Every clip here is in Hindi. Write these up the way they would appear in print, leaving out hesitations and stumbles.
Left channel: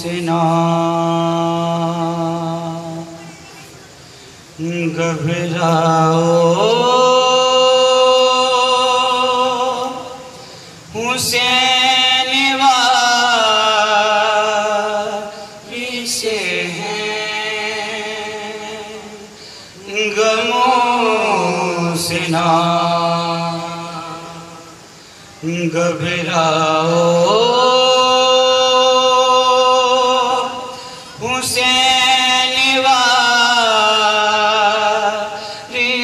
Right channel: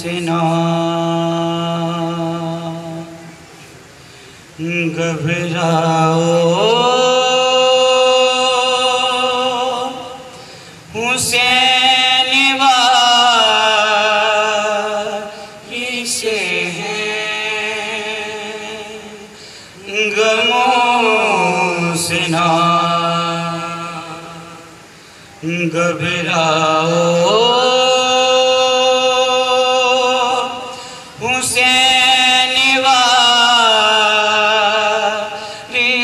से ना घबराओ, हुसैन वारी से हैं गमों से ना घबराओ, हुसैन वारी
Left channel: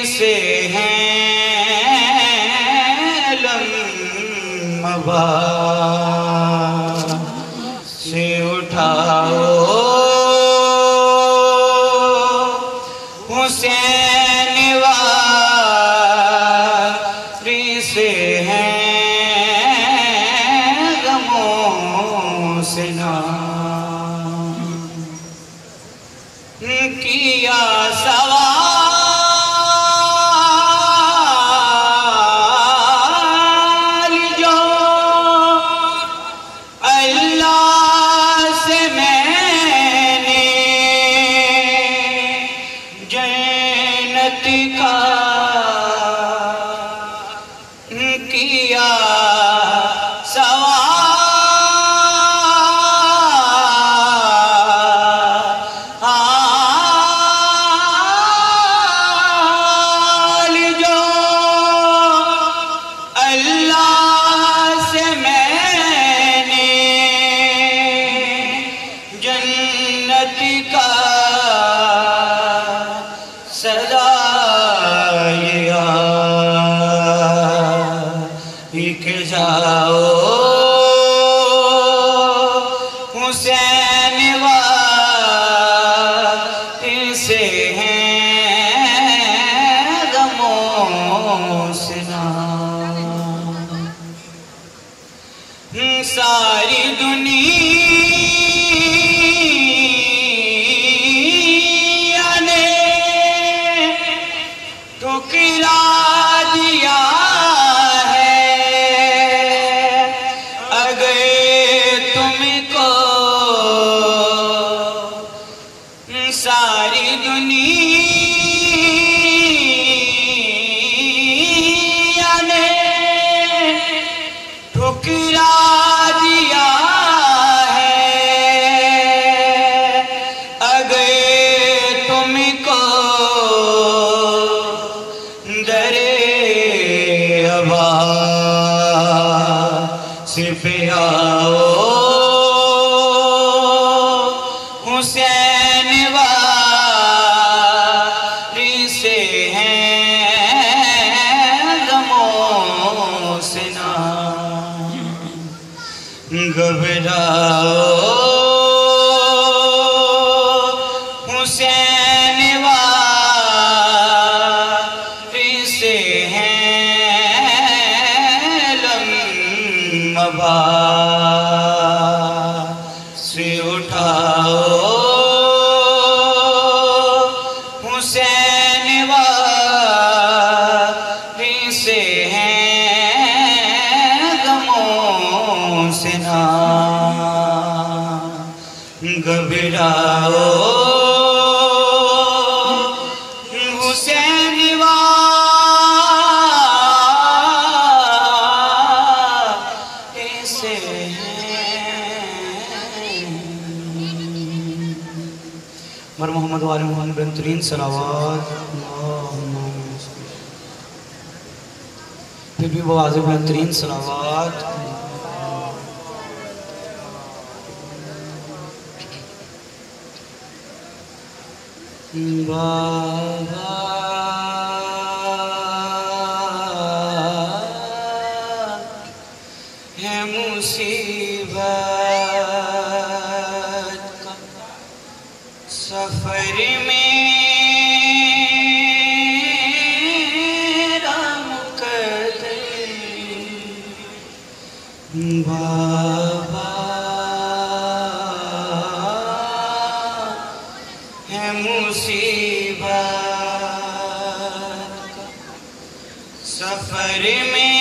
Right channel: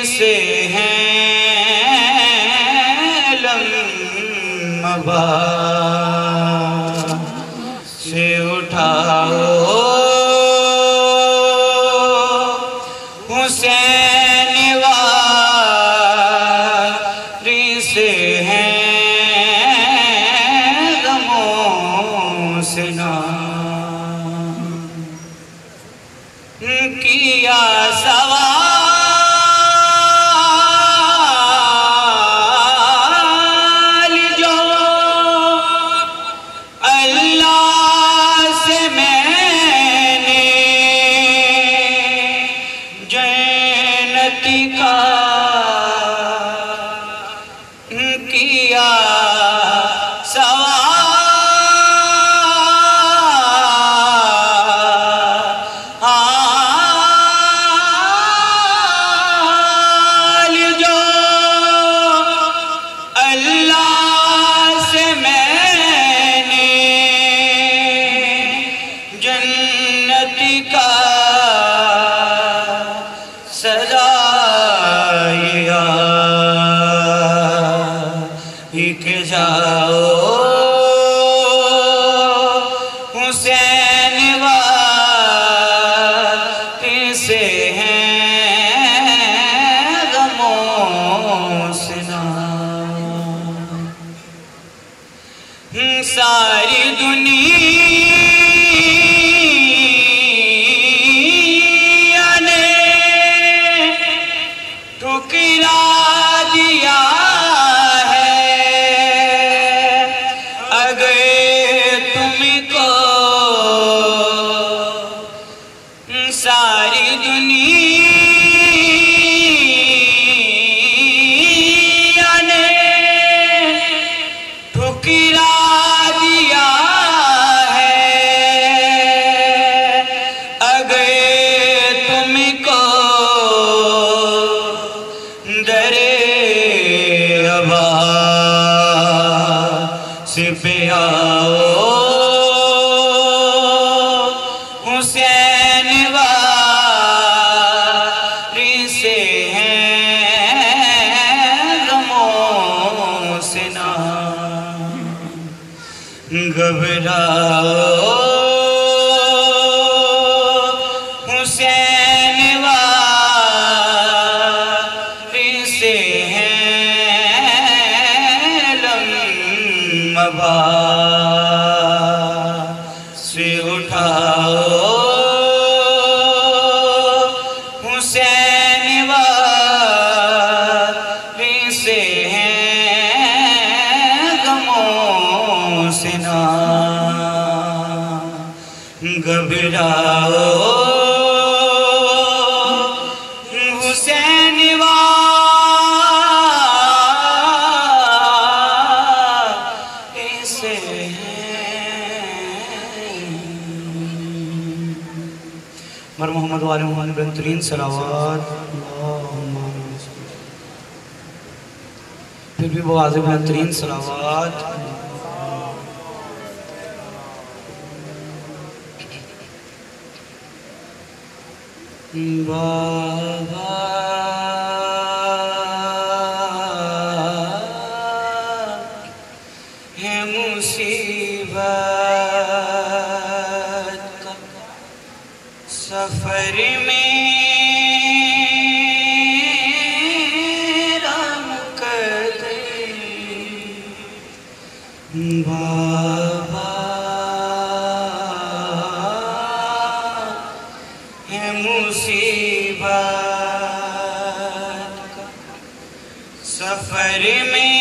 से हैं लम्बा से उठाओ, हुसैन वारी से हैं से ना किया सवाल जो अल्लाह से मैंने जन्नत का किया सवाल का सजाया लिख जाओ, हुसैन वारी से हैं गमों से ना सारी दुनिया ठुकरा दिया है, अगर तुमको सारी दुनिया ने ठुकरा दिया है, अगर तुमको पे आओ, हुसैन वारी से हैं गमों से ना घबराओ, हुसैन वारी से लम्बा से उठाओ, हुसैन वारी से हैं गमों से ना घबराओ, हुसैन मर मोहम्मद वाले मोहम्मद बेहतरीन सलावत। फिर भी वो आज़ बेहतरीन सलावत। बाबा है मुसीबत का सफर में राम कदम बाबा है मुसीबत का सफर में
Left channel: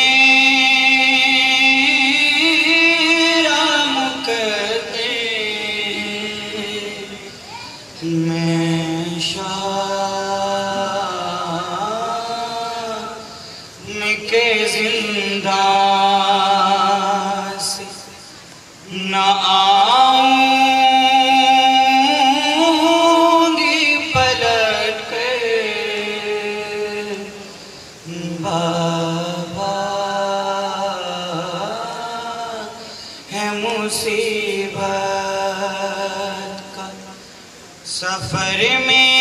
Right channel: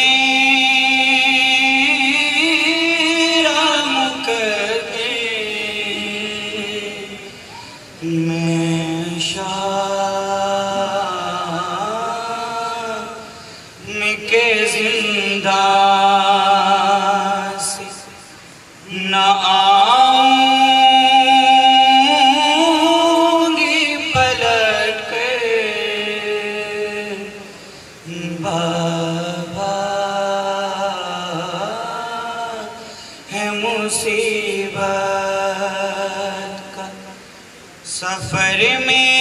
राम कदम मुसीबत का सफर मेरा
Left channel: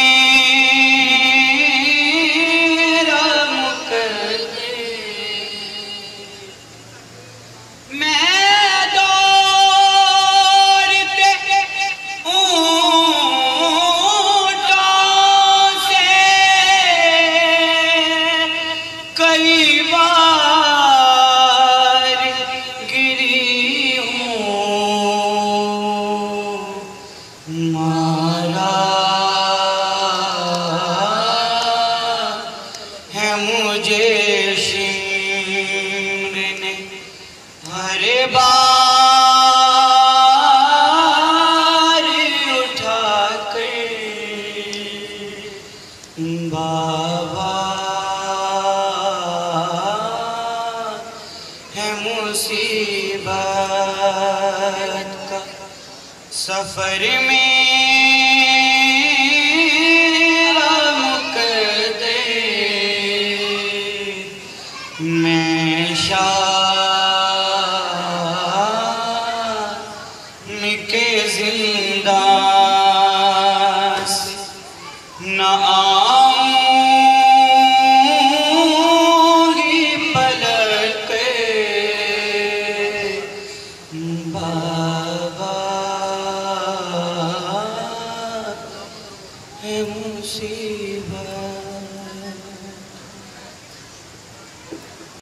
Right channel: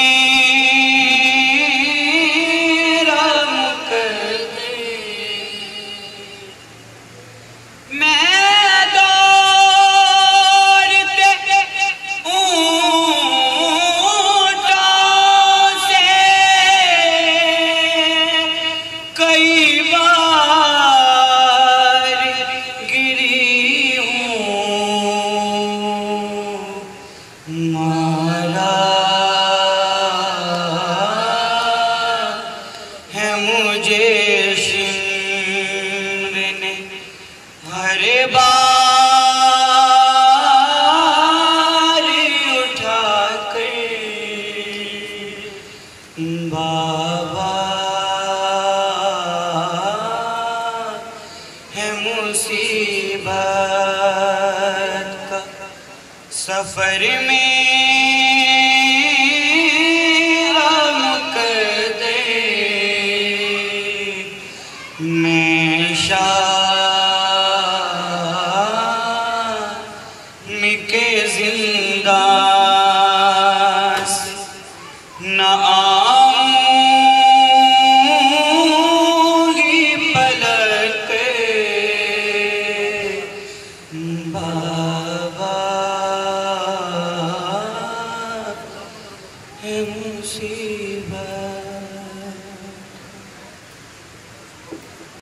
मुकद्दर मैं दौड़ते ऊंटों से कई बार गिरी हूँ मारा है मुझे शिम्र ने हर बार उठा कर बाबा है मुसीबत का सफर मेरा मुकद्दर मैं शाम के जिंदान से न आऊंगी पलट के बाबा है मुसीबत।